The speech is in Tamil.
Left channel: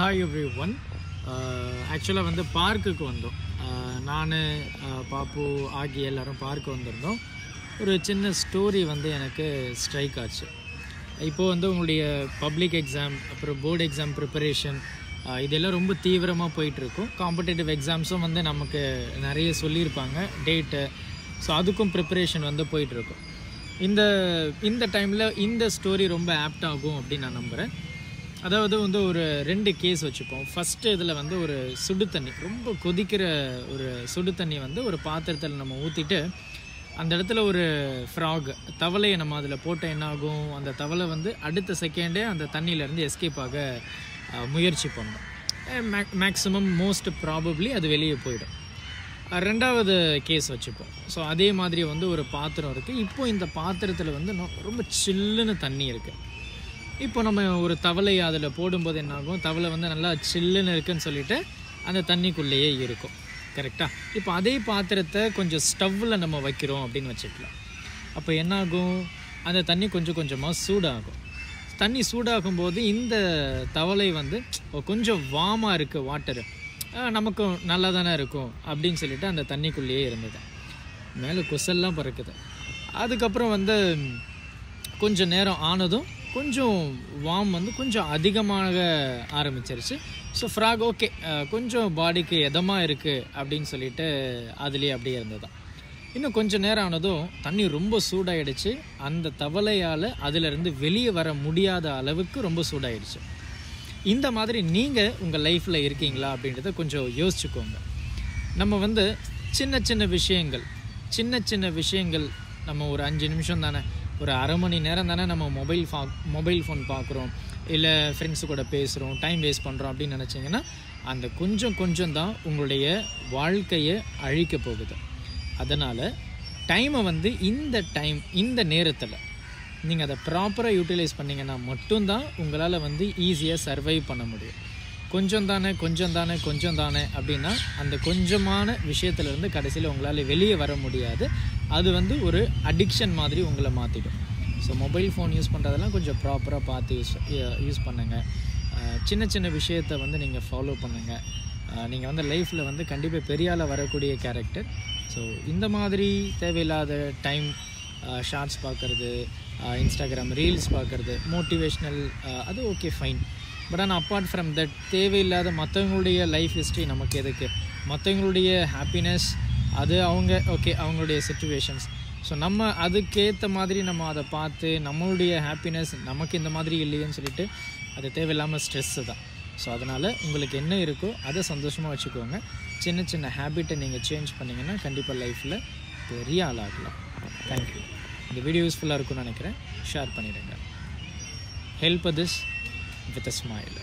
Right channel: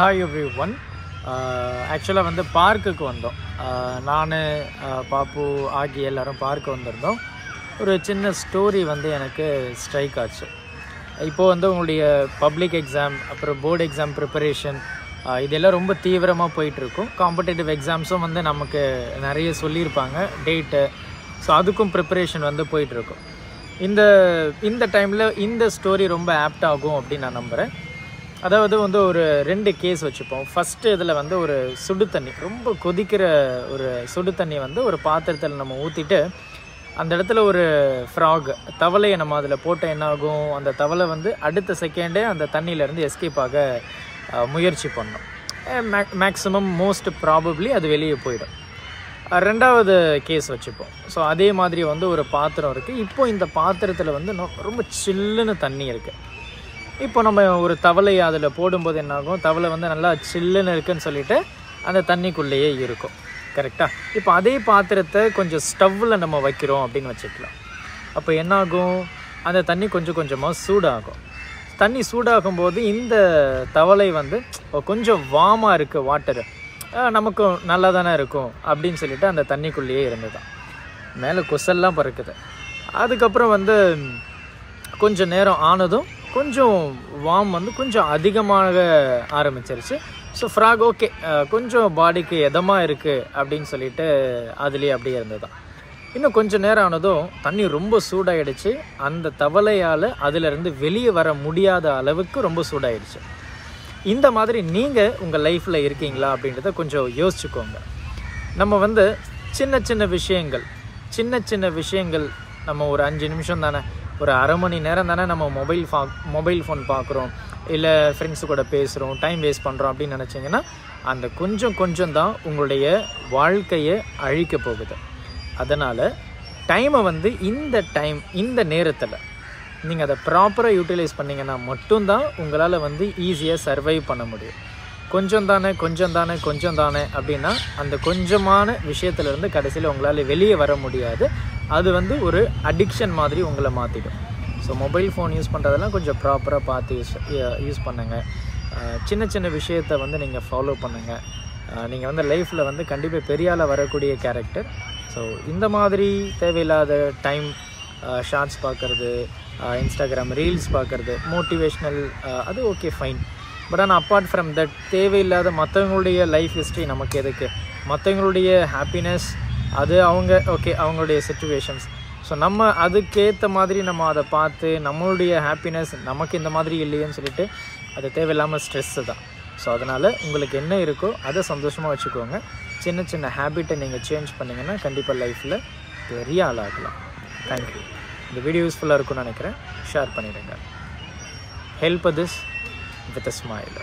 Hi everyone. Actually வந்து பார்க்குக்கு வந்தோம். நான் பாப்பு ஆகி எல்லாரும் பார்க்க வந்திருந்தோம். ஒரு சின்ன ஸ்டோரி வந்து எனக்கு ஸ்ட்ரைக் ஆச்சு. இப்போ வந்து உங்களுடைய பப்ளிக் எக்ஸாம் அப்புறம் போர்டு எக்ஸாம் ப்ரிப்பரேஷன் இதெல்லாம் ரொம்ப தீவிரமாக போயிட்டுருக்கும். காம்படேட்டிவ் எக்ஸாம்ஸும் வந்து நமக்கு நிறைய சொல்லியிருப்பாங்க டேட்டு. ஸோ அதுக்கும் ப்ரிப்பரேஷன் வந்து போயிட்டுருக்கும். இந்த டைமில் இந்த ஸ்டோரி ரொம்ப ஆப்ட் ஆகும் அப்படின்னு நான் நம்புகிறேன். அதாவது வந்து ஒரு 2 கேஸ் வச்சுப்போம். ஃபஸ்ட்டு இதில் வந்து ஒரு சுடு தண்ணி, ரொம்ப கொதிக்கிற ஒரு சுடு தண்ணி வந்து ஒரு பாத்திரத்தில் நம்ம ஊற்றிட்டு அந்த இடத்துல ஒரு ஃப்ராக் தவளையை நம்ம அதில் போட்ட என்ன ஆகும், அந்த தவளை வந்து அடுத்த செகண்டே அந்த தண்ணியிலேருந்து எஸ்கேப் ஆக முயற்சி பண்ணோம். மேக்ஸிமம் மோஸ்ட் ப்ராபப்ளி அது வெளியே போயிடும். 2வது கேஸ் வச்சுப்போம். ஸோ அதே மாதிரி வந்து ஒரு பாத்திரம் இருக்குது. இப்போ இந்த பாத்திரத்தில் வந்து ரொம்ப சில்லுன்னு தண்ணி இருக்குது. இப்போ நம்ம ஒரு தவளையை அதில் போடும்போது என்னாகும், தவளை வந்து நல்லா சில்லுன்னு இருக்குன்னு சொல்லிட்டு அந்த தண்ணிக்குள்ளேயே இருக்கும். கரெக்டாக? இப்போ அதே பாத்திரத்தை கொஞ்சம் ஸ்டவ்வில் நம்ம வைக்கிறோம் அப்படின்னு வச்சுக்கலாம். அப்போ என்னாகும், அந்த தண்ணி கொஞ்சம் கொஞ்சமாக சூடாகும். தண்ணி சூடாகும் போது இந்த தவளை வந்து கொஞ்சம் வார்மாக இருக்குது, வாட்டரு நமக்கும் நல்லா தானே இருக்கும் அப்படின்னு சொல்லிட்டு அந்த தண்ணிக்குள்ளேயே இருந்துதான். மேலே கொசல்லாம் பறக்குது. அதுக்கப்புறம் வந்து கொஞ்சம் நேரம் ஆனதும் கொஞ்சம் வார்ம் வந்து கொஞ்சம் அதிகமாக ஆரம்பிச்சிருச்சு. ஸோ ஃப்ராக் ஓகே கொஞ்சம் பாடிக்கு எதமாக இருக்குது அப்படின்னு சொல்லிட்டு அதுலேயே அப்படியே இருந்ததுதான். இன்னும் கொஞ்சம் நேரம் ஆனதும் தண்ணி ரொம்ப சூடாயிடுச்சு. அந்த தவளையால் அதிலிருந்து வெளியே வர முடியாத அளவுக்கு ரொம்ப சூடாயிடுச்சு. இந்த மாதிரி நீங்கள் உங்கள் லைஃப்பில் இருக்கீங்களா அப்படின்றத கொஞ்சம் யோசிச்சுக்கோங்க. நம்ம வந்து சின்ன சின்ன விஷயங்கள் நம்ம ஒரு 5 நிமிஷம் தானே, ஒரு அரை மணி நேரம் தானே நம்ம மொபைல் ஃபோன் பார்க்குறோம், இல்லை ஃப்ரெண்ட்ஸு கூட பேசுகிறோம், டைம் வேஸ்ட் பண்ணுறோம் அப்படின்னு நினச்சிங்கன்னா அந்த கொஞ்சம் தான் உங்களுடைய வாழ்க்கையை அழிக்க போகுது. அதனால் டைமை வந்து இந்த நேரத்தில் நீங்கள் அதை ப்ராப்பராக யூட்டிலைஸ் பண்ணிங்கன்னா மட்டும்தான் உங்களால் வந்து ஈஸியாக சர்வைவ் பண்ண முடியும். கொஞ்சம் தானே அப்படின்னா அந்த கொஞ்சமான விஷயத்துலேருந்து கடைசியில் உங்களால் வெளியே வர முடியாது. அது வந்து ஒரு அடிக்ஷன் மாதிரி உங்களை மாற்றிடும். ஸோ மொபைல் ஃபோன் யூஸ் பண்ணுறதெல்லாம் கொஞ்சம் ப்ராப்பராக பார்த்து யூஸ் பண்ணுங்கள். சின்ன விஷயத்தை வந்து நீங்கள் ஃபாலோ பண்ணுங்கள். நீங்கள் வந்து லைஃப்பில் வந்து கண்டிப்பாக பெரிய ஆளாக வரக்கூடிய கேரக்டர். ஸோ இந்த மாதிரி தேவையில்லாத டைம் ஷார்ட்ஸ் பார்க்குறது, இன்ஸ்டாகிராம் ரீல்ஸ் பார்க்குறது, மோட்டிவேஷ்னல் அது ஓகே ஃபைன். பட் ஆனால் அப்பார்ட் ஃப்ரம் தட் தேவையில்லாத மற்றவங்களுடைய லைஃப் ஹிஸ்ட்ரி நமக்கு எதுக்கு, மற்றவங்களுடைய ஹாப்பினஸ் அது அவங்களுடைய சிச்சுவேஷன்ஸ். ஸோ நம்ம அதுக்கேற்ற மாதிரி நம்ம அதை பார்த்து நம்மளுடைய ஹாப்பினஸ் நமக்கு இந்த மாதிரி இல்லையேன்னு சொல்லிட்டு அது தேவையில்லாமல் ஸ்ட்ரெஸ்ஸு தான். ஸோ அதனால் உங்களுக்கு என்ன இருக்கோ அதை சந்தோஷமாக வச்சுக்கோங்க. சின்ன ஹேபிட்டை நீங்கள் சேஞ்ச் பண்ணிங்கன்னா கண்டிப்பாக லைஃப்பில் பெரிய ஆளாகலாம். தேங்க்யூ. இந்த வீடியோ யூஸ்ஃபுல்லாக இருக்கும்னு நினைக்கிறேன். ஷேர் பண்ணிடுங்க. Help this with a smile.